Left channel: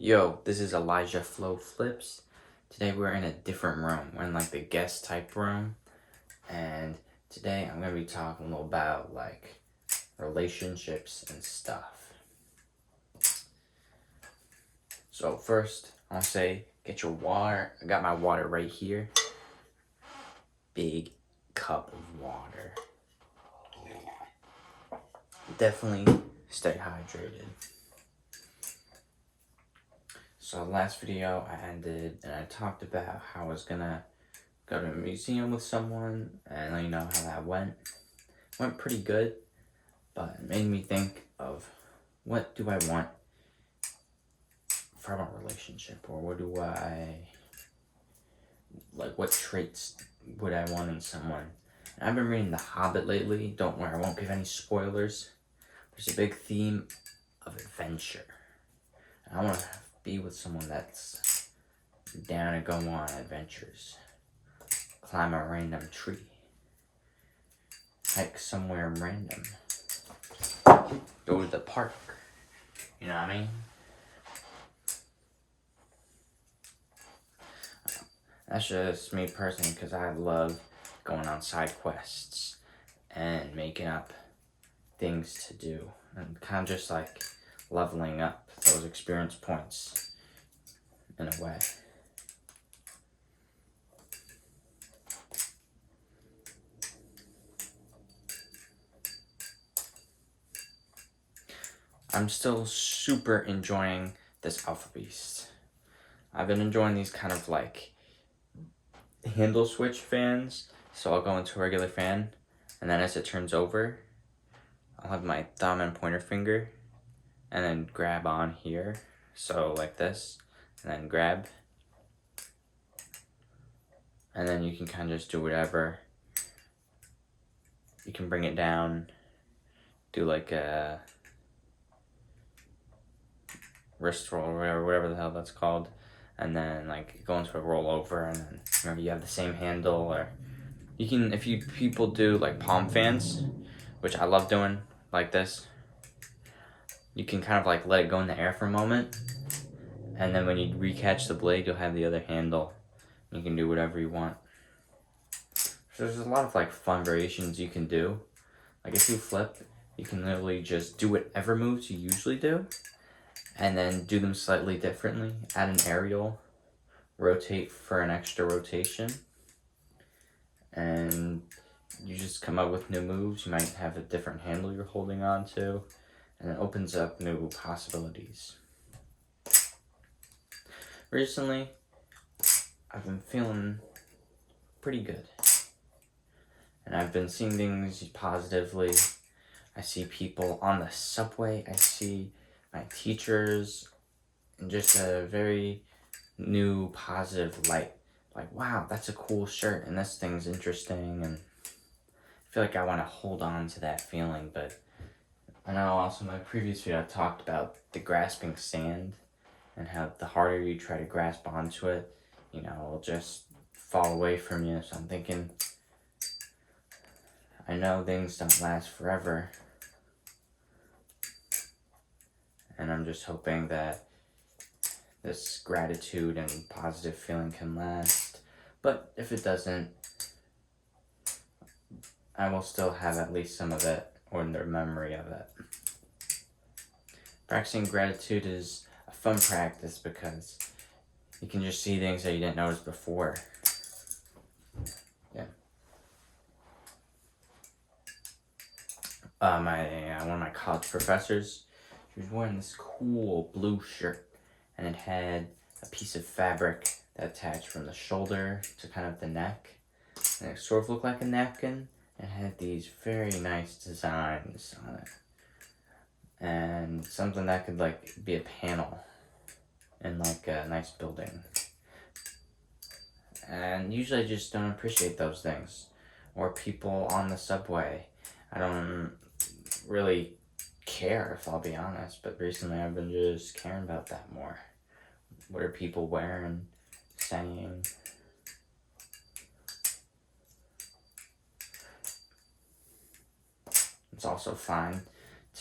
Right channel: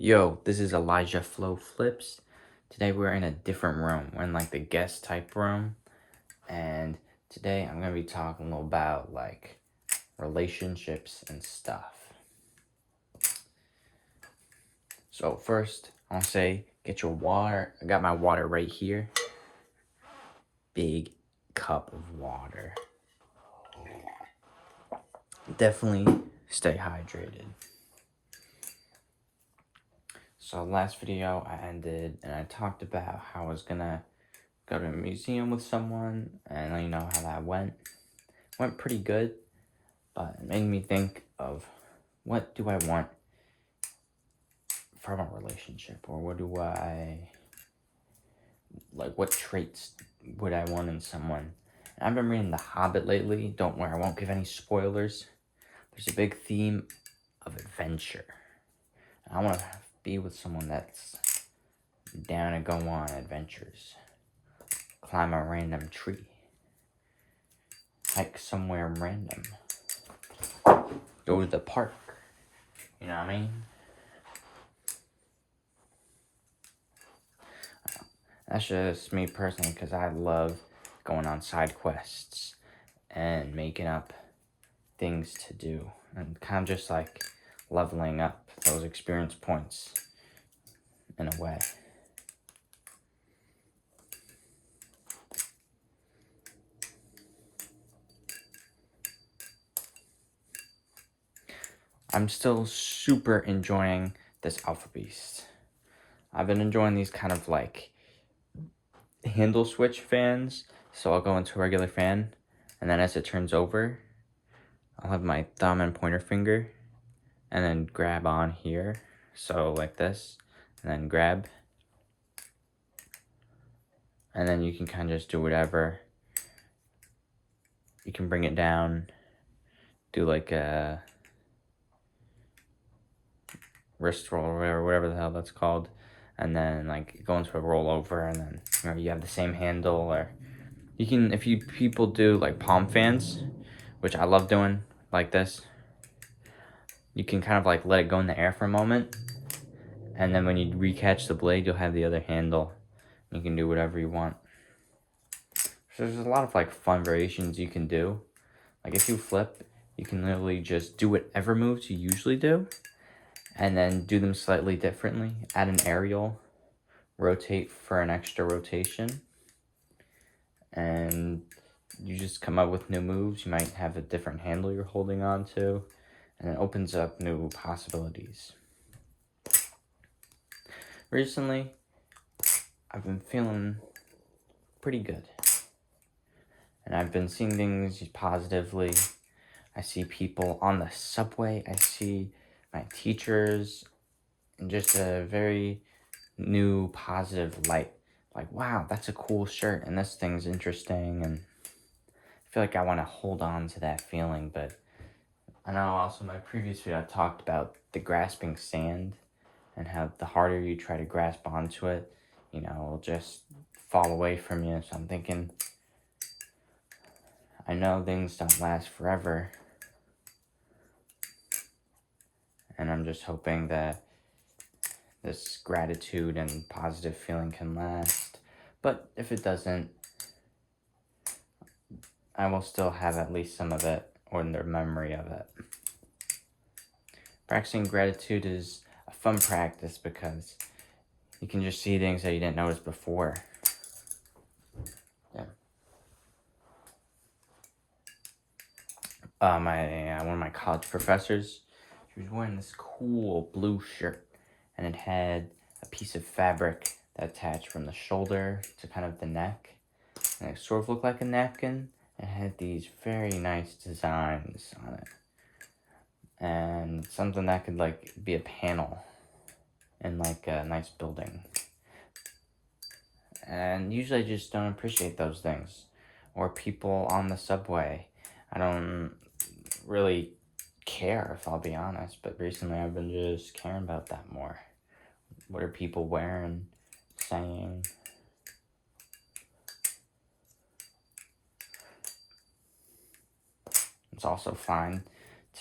Yo, this is Elijah Flow Flips. Today we're in a different room. We're in like the guest type room. And today I'm going to be talking a little about like relationships and stuff. So first, I'll say get your water. I got my water right here. Big cup of water. Definitely stay hydrated. So last video I ended and I talked about how I was gonna go to a museum with someone and let you know how that went. Went pretty good, but it made me think of what do I want from a relationship, or what do I like, what traits would I want in someone. I've been reading The Hobbit lately. Don't worry, I won't give any spoilers. There's a big theme of adventure. I want to be with someone that's down to go on adventures. Climb a random tree. Hike somewhere random. Go to the park. You know what I mean? That's just me personally, because I love going on side quests and making up things to do. And kind of just like leveling up those experience points in a way. I'm still super enjoying this Alpha Beast. I've been enjoying these kind of like handle switch fans. So I'll go into a regular fan, and then as it turns over, I'll have my thumb and pointer finger and then grab on here. So like this, and then grab. And then you can kind of just do whatever. You can bring it down, do like a wrist roll or whatever the hell that's called, and then like go into a rollover, and then you have the same handle. Or you can, if you people do like palm fans, which I love doing like this, you can kind of like let it go in the air for a moment, and then when you recatch the blade, you'll have the other handle. You can do whatever you want. So there's a lot of like fun variations you can do. Like if you flip, you can literally just do whatever moves you usually do, and then do them slightly differently. Add an aerial, rotate for an extra rotation, and you just come up with new moves. You might have a different handle you're holding on to, and it opens up new possibilities. Recently, I've been feeling pretty good, and I've been seeing things positively. I see people on the subway, I see my teachers, in just a very new positive light. Like, wow, that's a cool shirt, and this thing's interesting, and I feel like I want to hold on to that feeling. But I know also in my previous video I talked about the grasping sand, and how the harder you try to grasp onto it, you know, it'll just fall away from you. So I'm thinking, I know things don't last forever, and I'm just hoping that this gratitude and positive feeling can last. But if it doesn't, I will still have at least some of it, or the memory of it. Practicing gratitude is a fun practice because you can just see things that you didn't notice before. Yeah. One of my college professors, she was wearing this cool blue shirt, and it had a piece of fabric that attached from the shoulder to kind of the neck, and it sort of looked like a napkin. It had these very nice designs on it, and something that could like be a panel in like a nice building. And usually I just don't appreciate those things. Or people on the subway. I don't really care, if I'll be honest, but recently I've been just caring about that more. What are people wearing, saying? It's also fine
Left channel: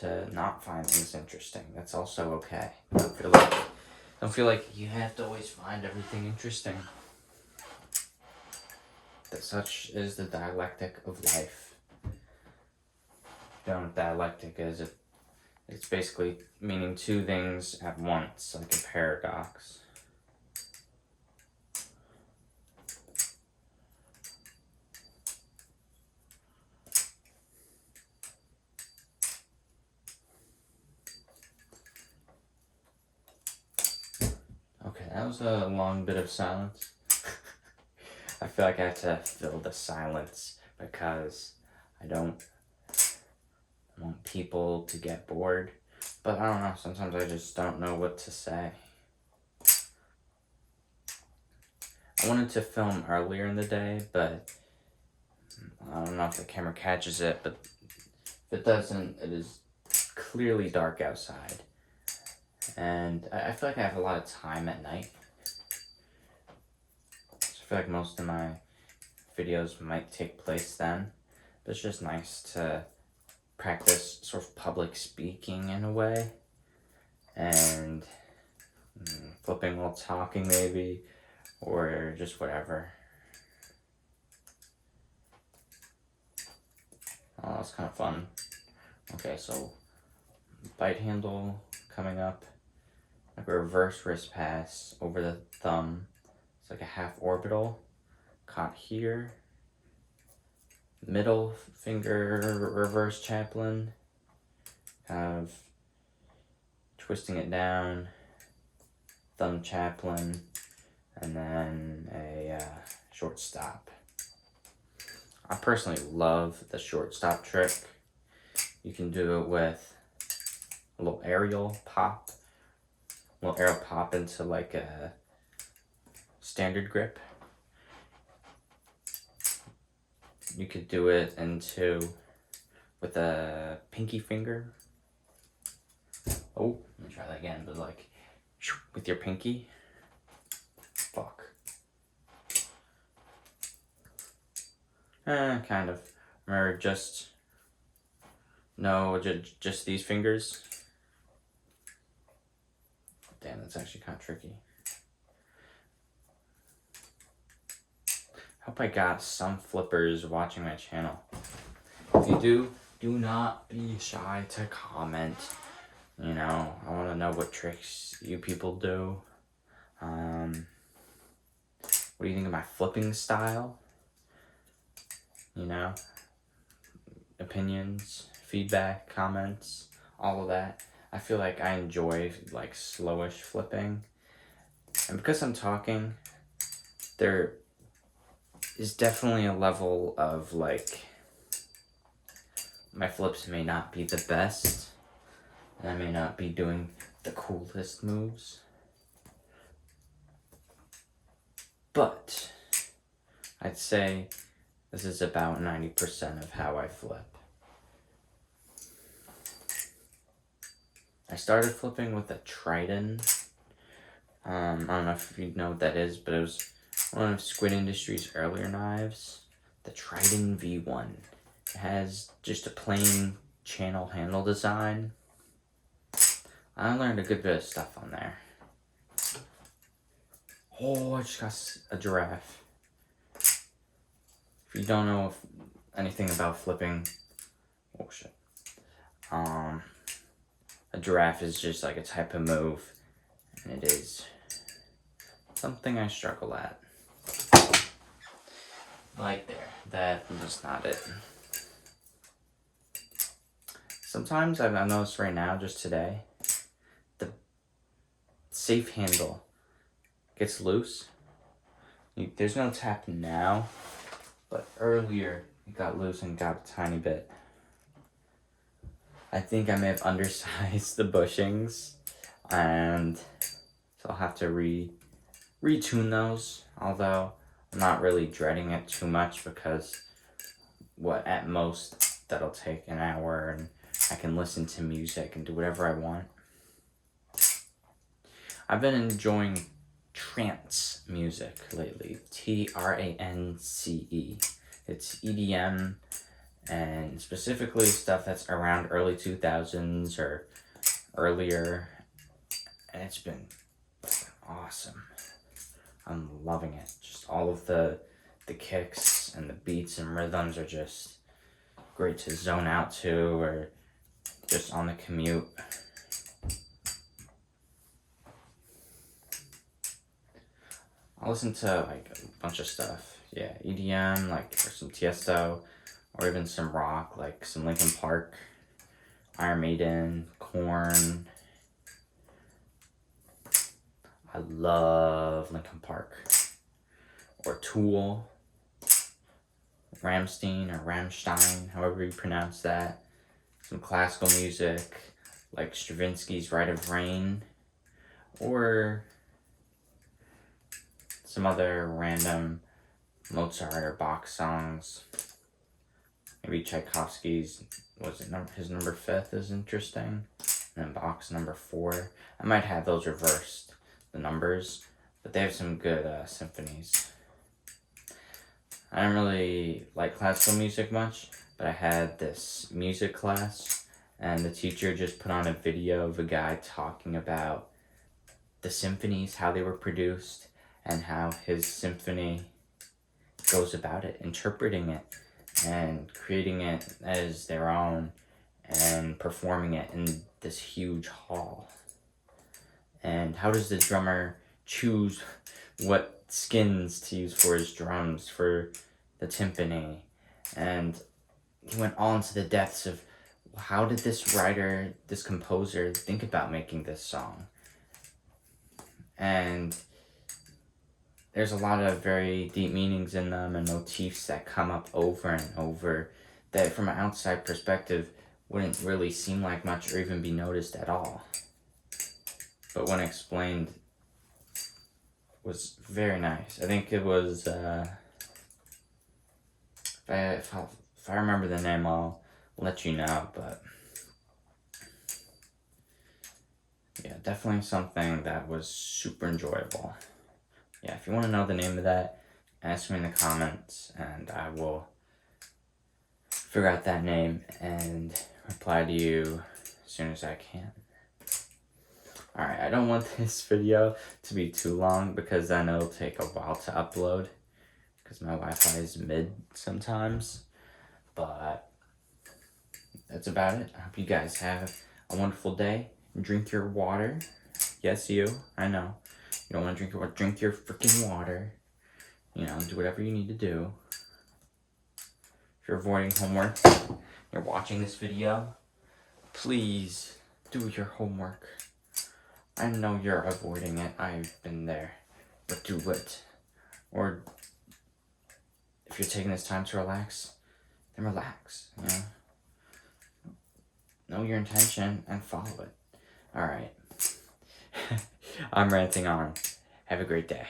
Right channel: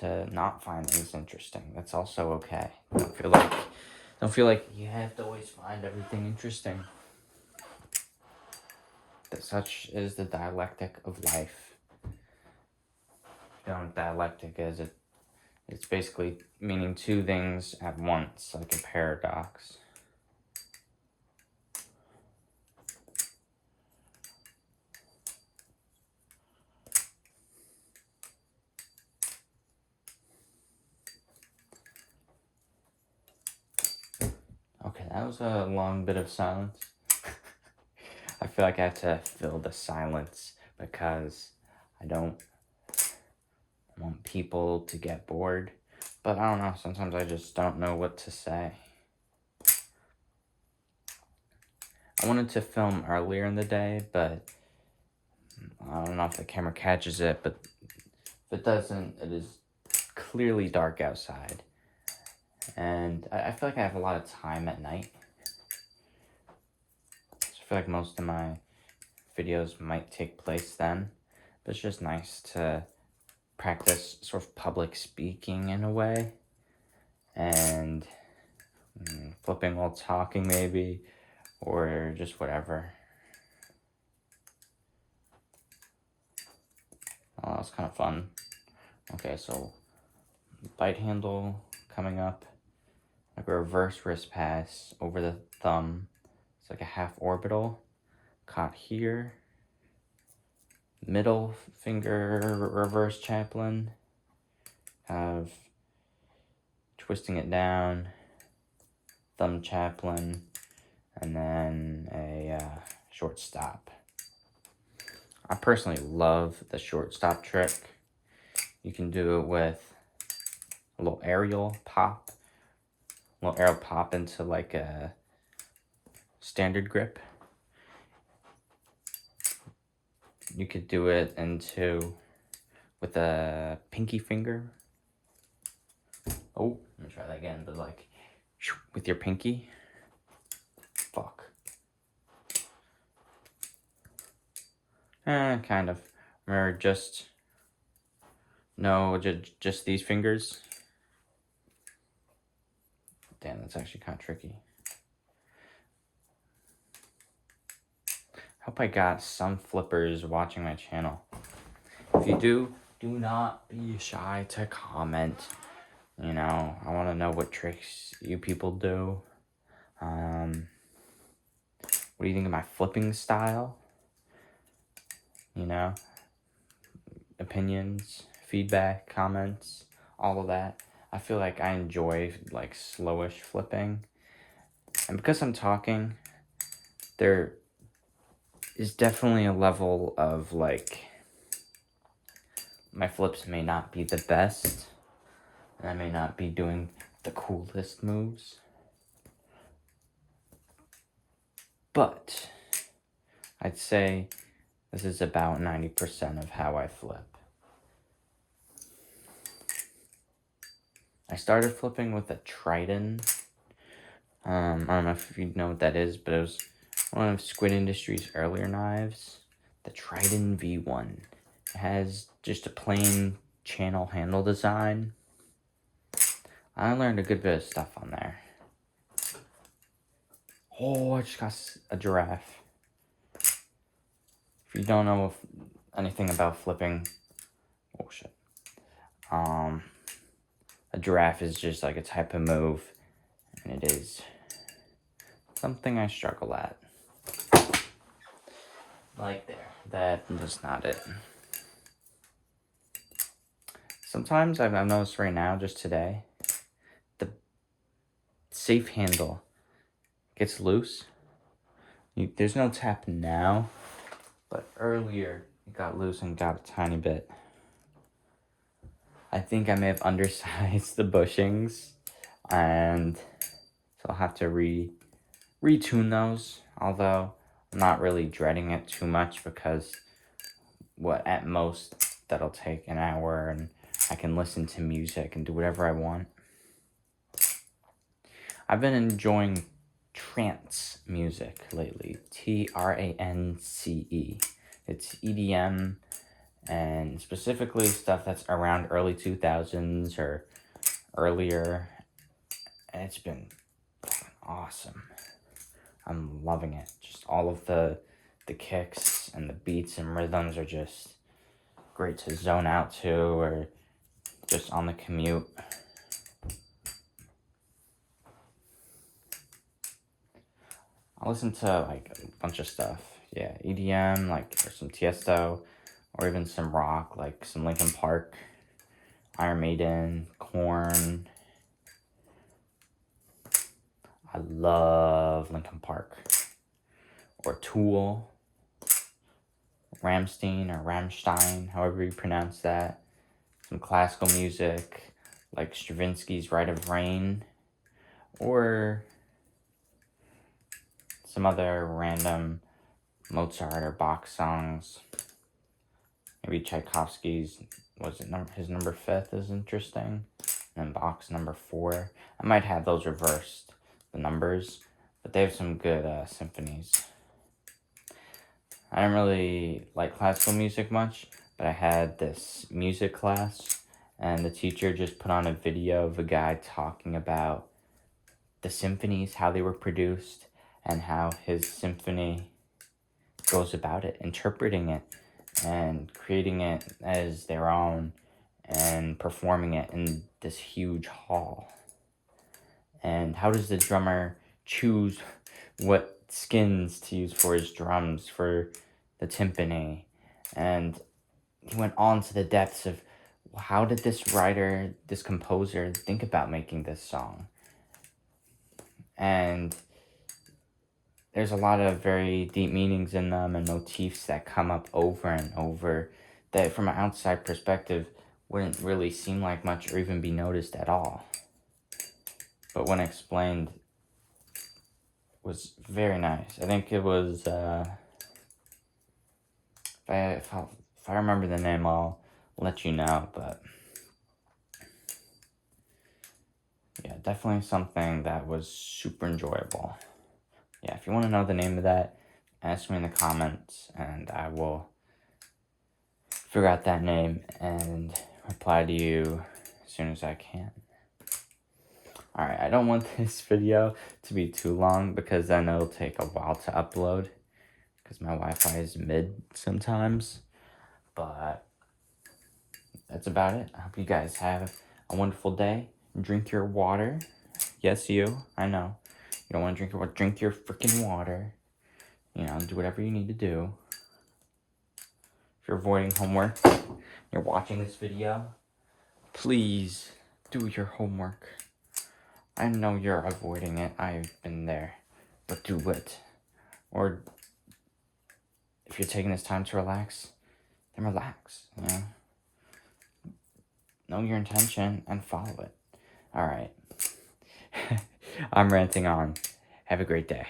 to not find things interesting. That's also okay. I feel like Don't feel like you have to always find everything interesting. That such is the dialectic of life. You know what dialectic is? It's basically meaning two things at once, like a paradox. Okay, that was a long bit of silence. I feel like I have to fill the silence because I don't want people to get bored. But I don't know, sometimes I just don't know what to say. I wanted to film earlier in the day, but I don't know if the camera catches it, but if it doesn't, it is clearly dark outside. And I feel like I have a lot of time at night. So I feel like most of my videos might take place then. But it's just nice to practice sort of public speaking in a way. And flipping while talking maybe. Or just whatever. Oh, that's kind of fun. Okay, so bite handle coming up. Like a reverse wrist pass over the thumb. It's like a half orbital. Caught here. Middle finger reverse chaplain. Kind of twisting it down. Thumb chaplain. And then a short stop. I personally love the short stop trick. You can do it with a little aerial pop. A little aerial pop into like a standard grip. You could do it with a pinky finger. Oh, let me try that again, but like with your pinky. Fuck. Kind of. Or just these fingers. Damn, that's actually kind of tricky. Hope I got some flippers watching my channel. If you do not be shy to comment. You know, I want to know what tricks you people do. What do you think of my flipping style? You know, opinions, feedback, comments, all of that. I feel like I enjoy like slowish flipping. And because I'm talking, there is definitely a level of like, my flips may not be the best. And I may not be doing the coolest moves. But I'd say this is about 90% of how I flip. I started flipping with a trident. I don't know if you know what that is, but it was one of Squid Industries' earlier knives. The Trident V1. It has just a plain channel handle design. I learned a good bit of stuff on there. Oh, I just got a giraffe. If you don't know anything about flipping, oh shit. A giraffe is just like a type of move, and it is something I struggle at. Like there, that is not it. Sometimes I've noticed right now, just today, the safe handle gets loose. There's no tap now, but earlier it got loose and got a tiny bit. I think I may have undersized the bushings, and so I'll have to retune those, although I'm not really dreading it too much because at most that'll take an hour and I can listen to music and do whatever I want. I've been enjoying trance music lately, Trance. It's EDM, and specifically stuff that's around early 2000s or earlier, and it's been awesome. I'm loving it. Just all of the kicks and the beats and rhythms are just great to zone out to, or just on the commute. I listen to like a bunch of stuff. Yeah, EDM, like, or some Tiesto, or even some rock, like some Linkin Park, Iron Maiden, Korn. I love Linkin Park. Or Tool, Rammstein, however you pronounce that. Some classical music, like Stravinsky's Rite of Rain, or some other random Mozart or Bach songs. Maybe Tchaikovsky's, his number 5th is interesting, and then Bach's number 4. I might have those reversed, the numbers, but they have some good symphonies. I don't really like classical music much, but I had this music class, and the teacher just put on a video of a guy talking about the symphonies, how they were produced, and how his symphony goes about it, interpreting it, and creating it as their own, and performing it in this huge hall. And how does the drummer choose what skins to use for his drums, for the timpani? And he went on to the depths of how did this writer, this composer, think about making this song? And there's a lot of very deep meanings in them and motifs that come up over and over that from an outside perspective wouldn't really seem like much or even be noticed at all. But when explained, was very nice. I think it was, if I remember the name, I'll let you know, but yeah, definitely something that was super enjoyable. Yeah, if you want to know the name of that, ask me in the comments, and I will figure out that name and reply to you as soon as I can. Alright, I don't want this video to be too long, because then it'll take a while to upload, because my Wi-Fi is mid sometimes. But that's about it. I hope you guys have a wonderful day. Drink your water. Yes, you. I know. You don't want to drink your water. Drink your freaking water. You know, do whatever you need to do. If you're avoiding homework, you're watching this video, please do your homework. I know you're avoiding it. I've been there. But do it. Or if you're taking this time to relax, then relax. You know your intention and follow it. Alright. I'm ranting on. Have a great day.